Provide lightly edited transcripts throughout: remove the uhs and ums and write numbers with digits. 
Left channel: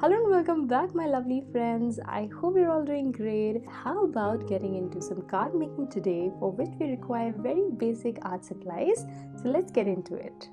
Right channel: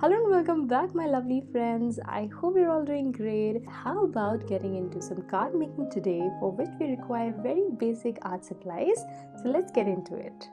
Hello and welcome back, my lovely friends. I hope you're all doing great. How about getting into some card making today, for which we require very basic art supplies? So let's get into it.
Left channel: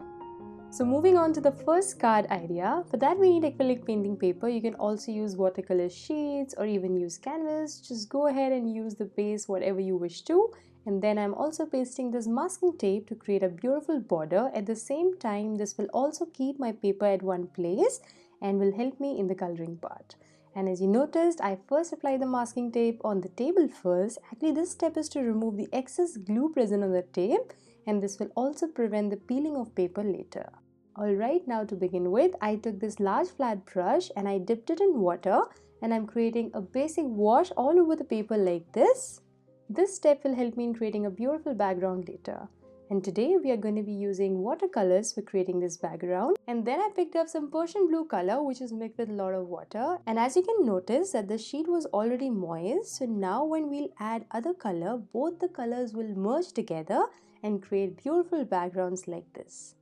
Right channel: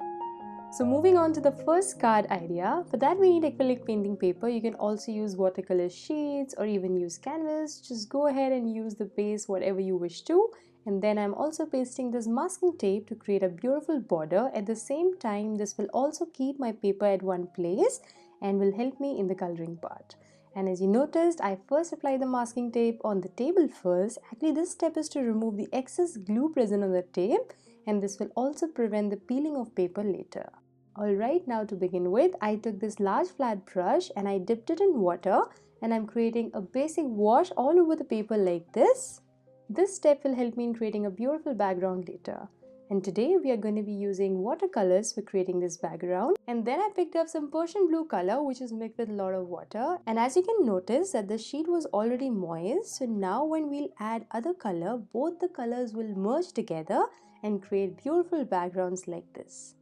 So moving on to the first card idea, for that we need acrylic painting paper. You can also use watercolor sheets or even use canvas. Just go ahead and use the base whatever you wish to. And then I'm also pasting this masking tape to create a beautiful border. At the same time, this will also keep my paper at one place and will help me in the coloring part. And as you noticed, I first apply the masking tape on the table first. Actually, this step is to remove the excess glue present on the tape, and this will also prevent the peeling of paper later. Alright, now to begin with, I took this large flat brush and I dipped it in water, and I'm creating a basic wash all over the paper like this. This step will help me in creating a beautiful background later. And today we are going to be using watercolors for creating this background. And then I picked up some Persian blue color, which is mixed with a lot of water. And as you can notice that the sheet was already moist. So now when we'll add other color, both the colors will merge together and create beautiful backgrounds like this.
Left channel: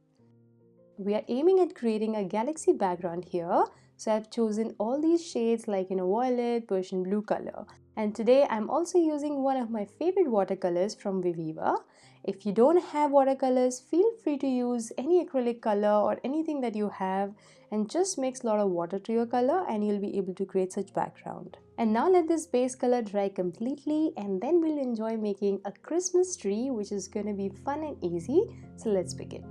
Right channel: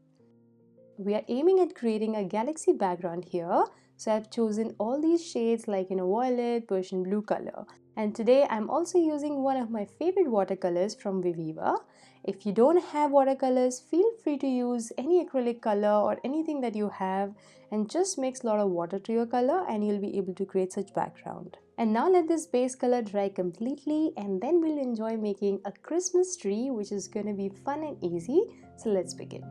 We are aiming at creating a galaxy background here. So I've chosen all these shades like violet, Persian blue color. And today I'm also using one of my favorite watercolors from Viviva. If you don't have watercolors, feel free to use any acrylic color or anything that you have, and just mix a lot of water to your color and you'll be able to create such background. And now let this base color dry completely, and then we'll enjoy making a Christmas tree, which is going to be fun and easy. So let's begin.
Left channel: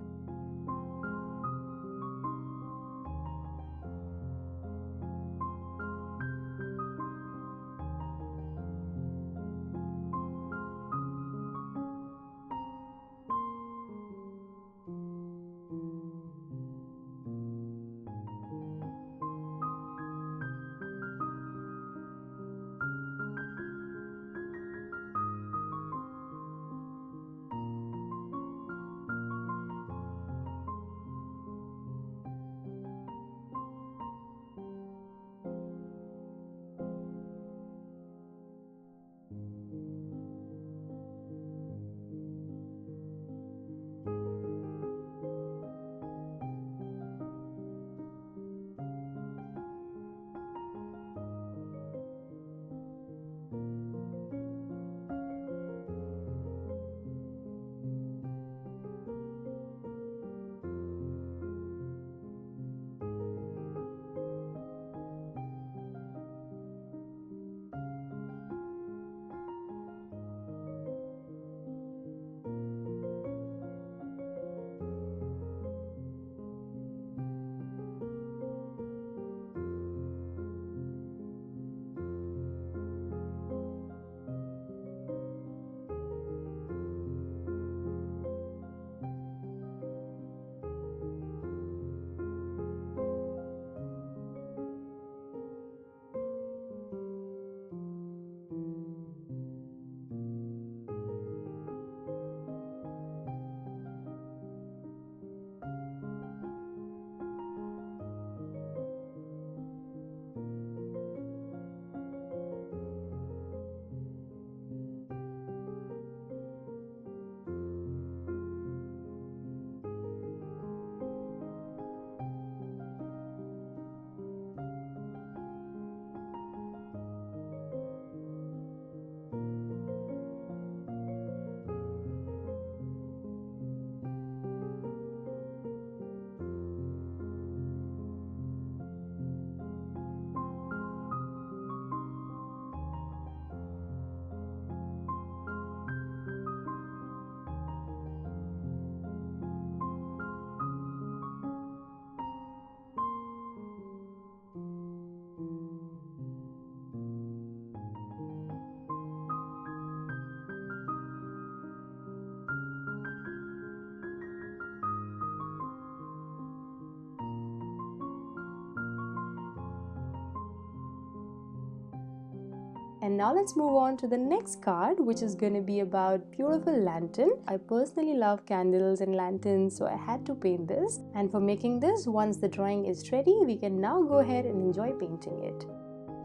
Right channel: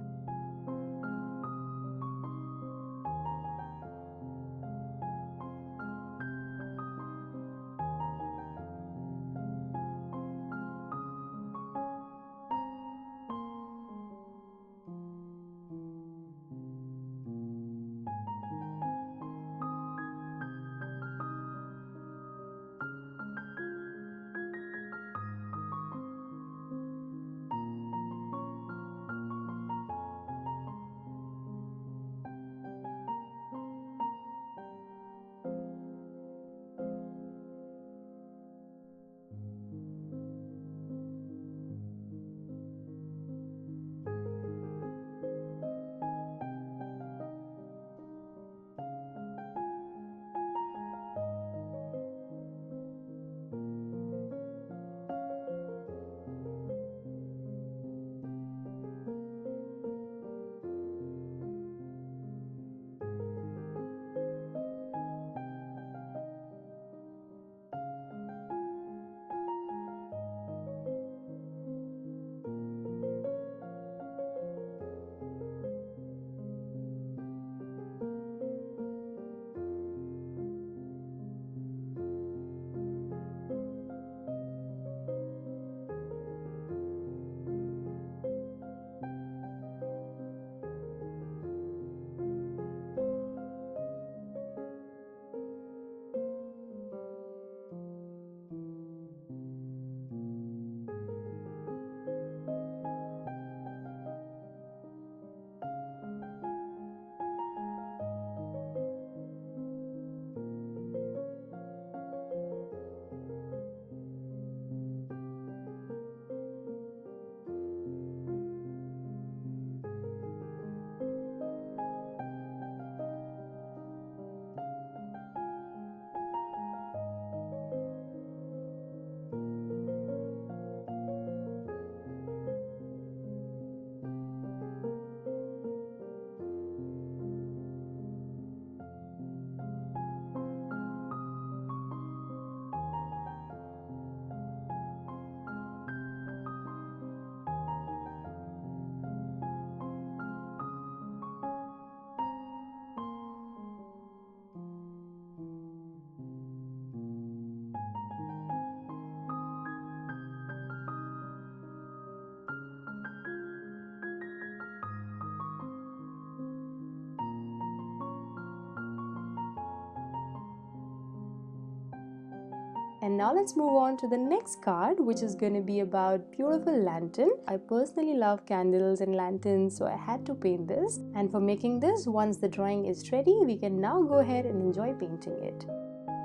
And now let's move on to the next card, which is going to be about beautiful lantern. I personally love candles and lanterns, so I had to paint this. And for making this, once the drawing is ready, we can now go ahead and enjoy painting it.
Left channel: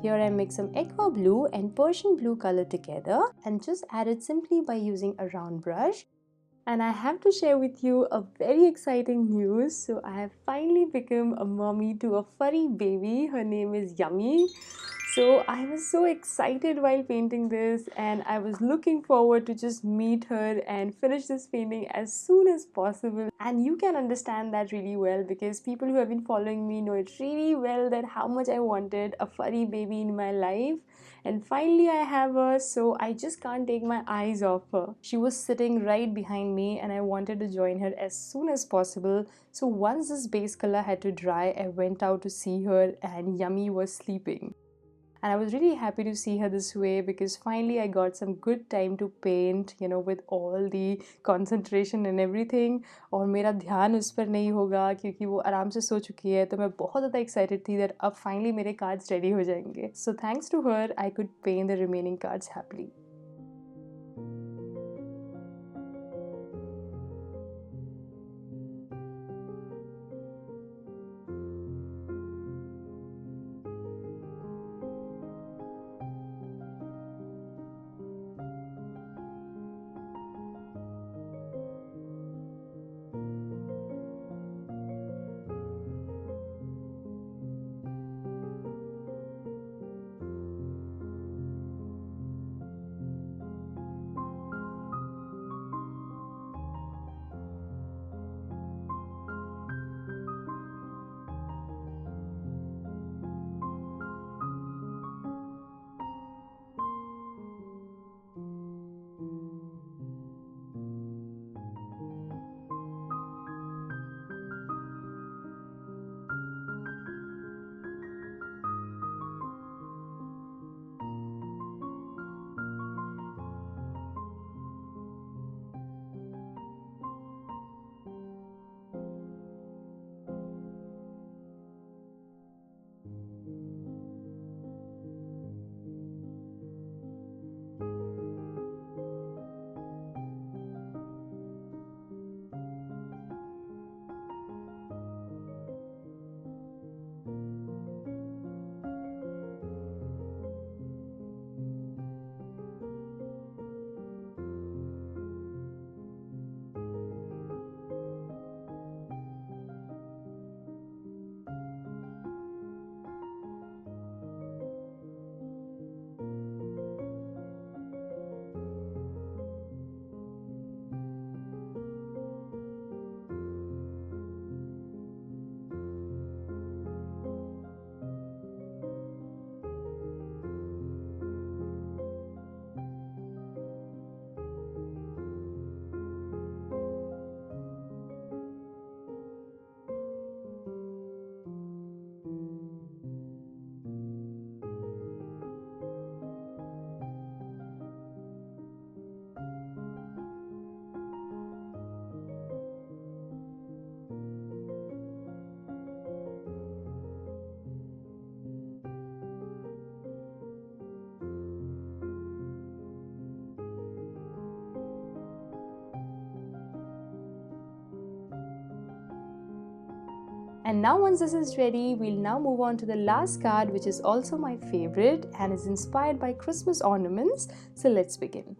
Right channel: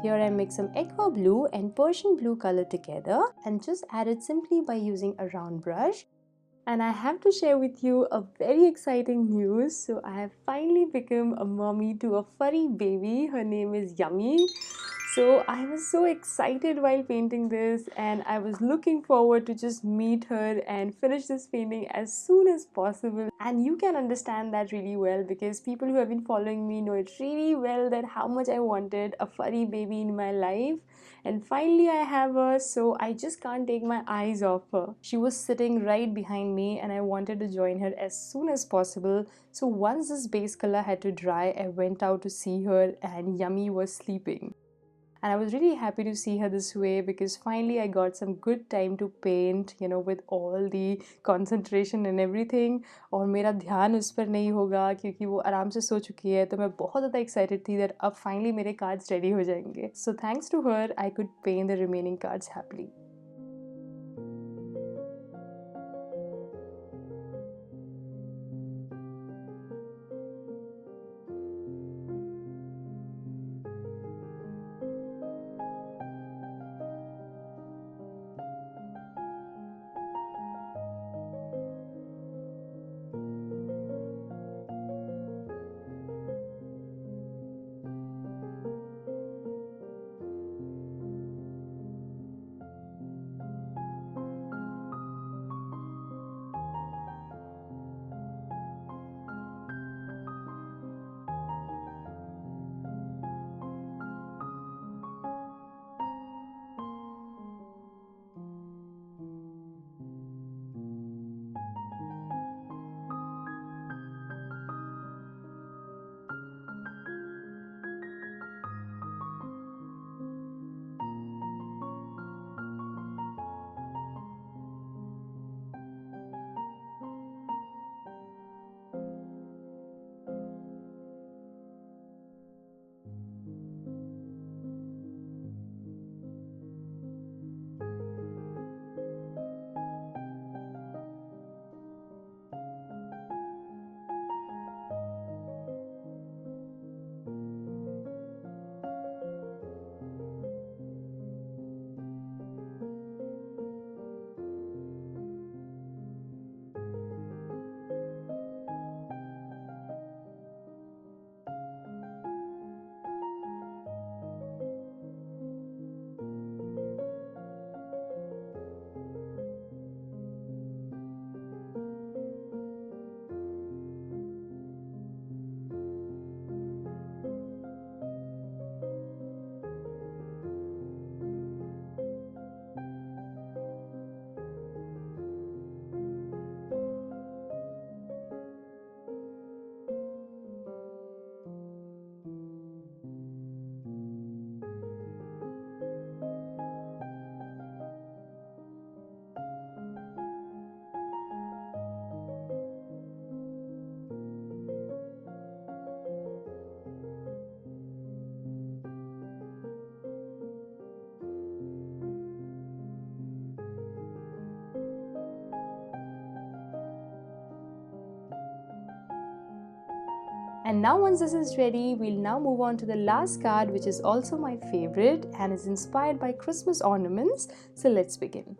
Here I mix some aqua blue and Persian blue color together and just add it simply by using a round brush. And I have to share with you a very exciting news. So I have finally become a mommy to a furry baby. Her name is Yummy. So I was so excited while painting this, and I was looking forward to just meet her and finish this painting as soon as possible. And you can understand that really well because people who have been following me know it really well that how much I wanted a furry baby in my life. And finally I have her, so I just can't take my eyes off her. She was sitting right behind me and I wanted to join her as soon as possible. So once this base color had to dry, I went out to see her and Yummy was sleeping. And I was really happy to see her this way because finally I got some good time to paint, with all the concentration and everything. और मेरा ध्यान उस पर नहीं होगा क्योंकि वो आराम से सो चुकी है, तो मैं बहुत ज़्यादा एक्साइटेड थी that अब finally मेरे cards ready हो जाएंगे. So thanks to her, I could paint the remaining cards happily. And now once this is ready, we'll now move on to the last card, which is also my favorite and is inspired by Christmas ornaments. So let's begin.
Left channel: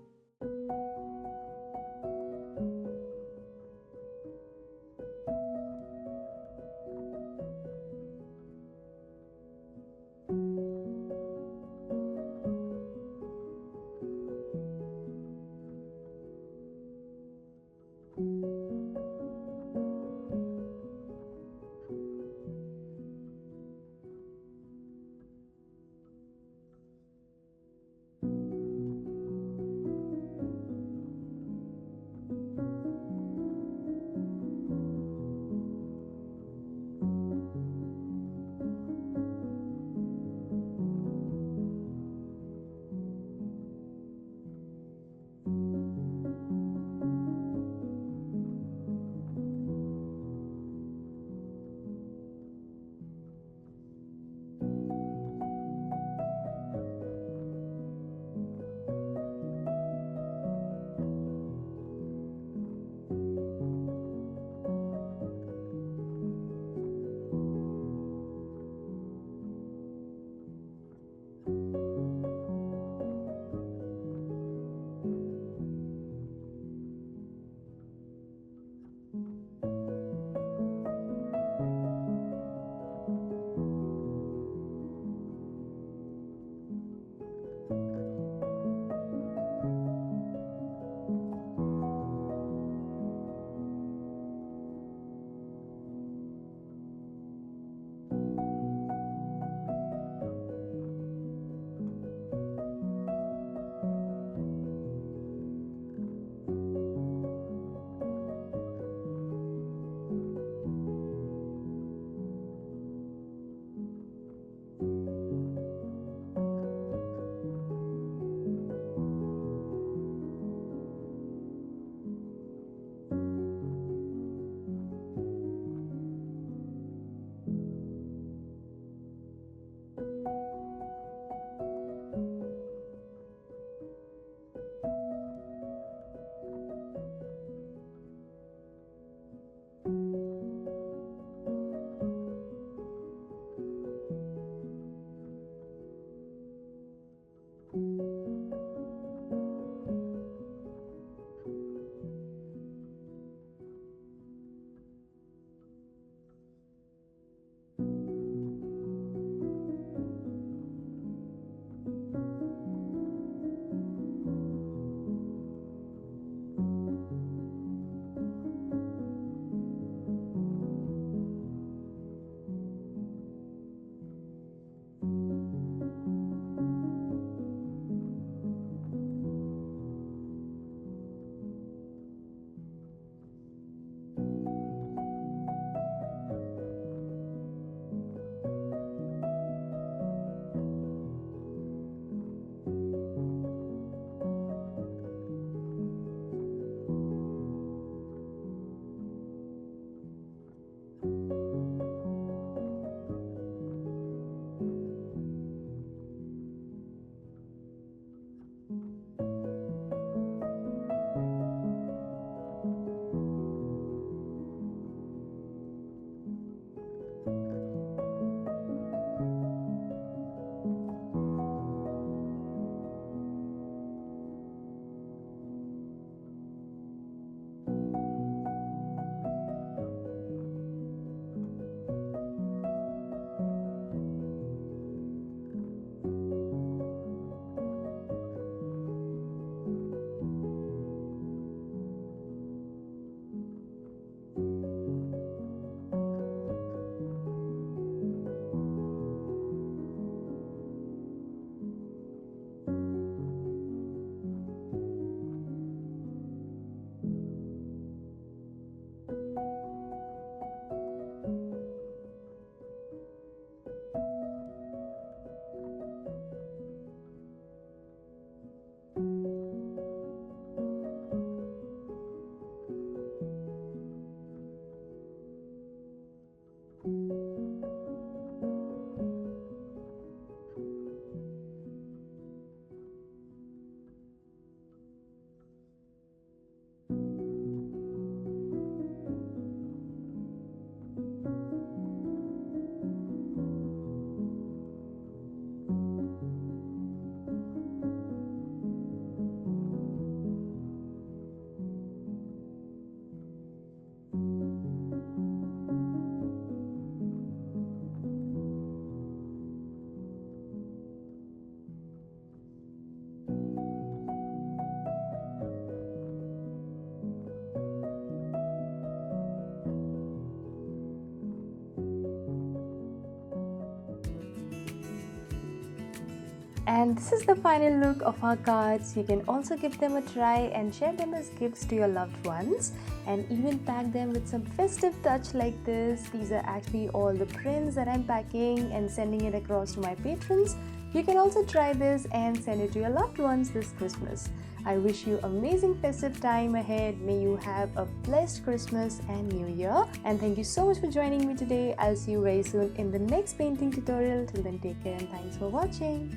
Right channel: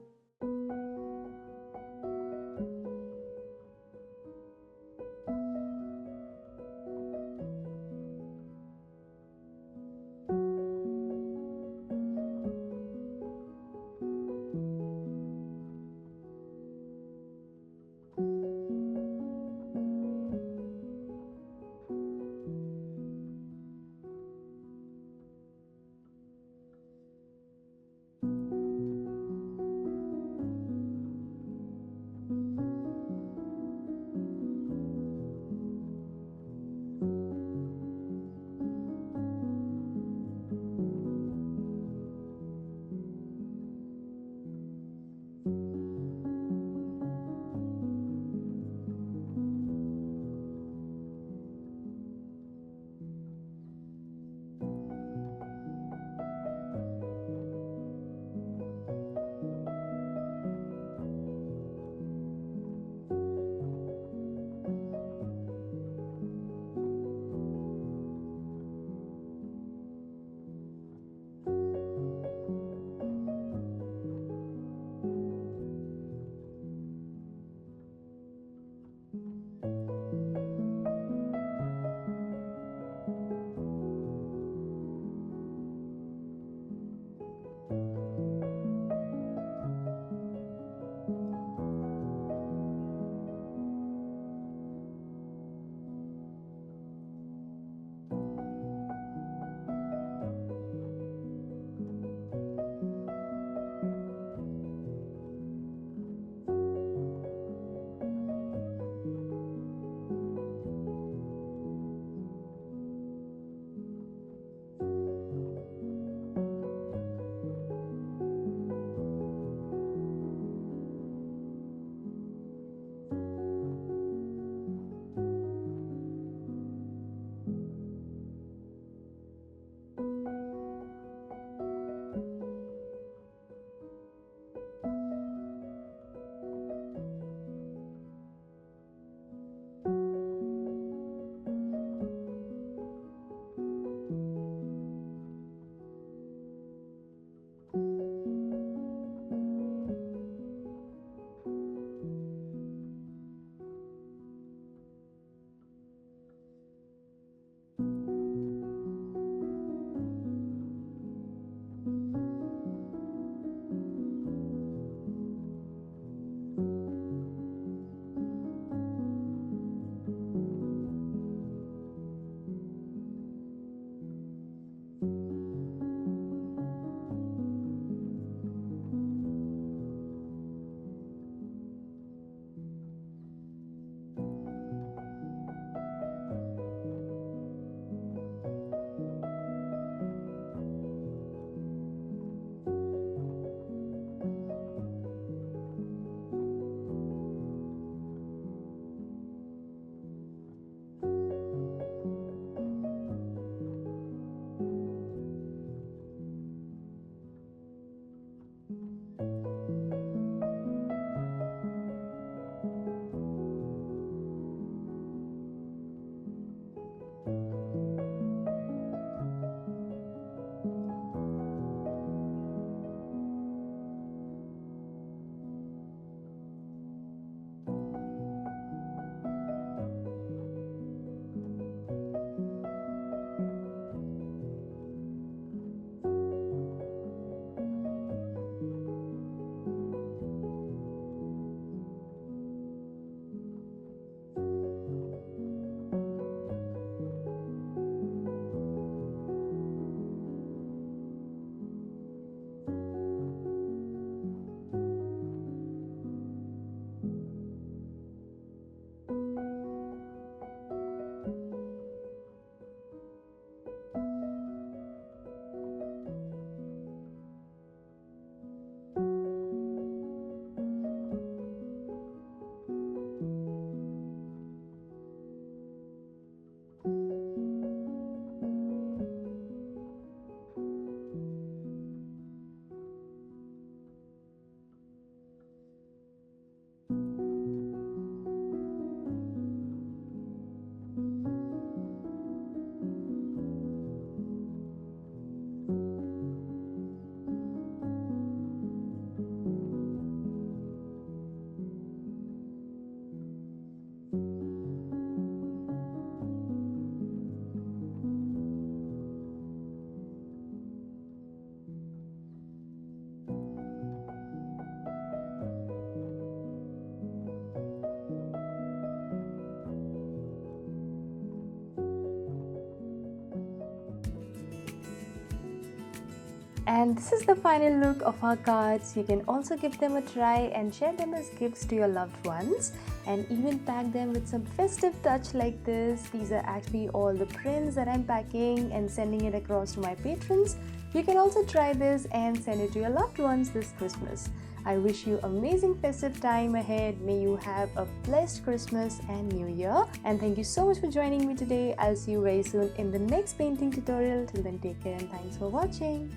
And this is the final look of our cards. You can also give them a try and share them as gifts to your loved ones, and even pack them with some festive touch like this. These are actually all the prints that I'm packing and sending it across to my patrons. You can also try this and send it to your loved ones this Christmas. I wish you amazing festive time ahead. May you have a blessed Christmas and New Year. And thank you so much for joining me today. I'll see you very soon in the next painting tutorial. Till then, take care and thanks for watching.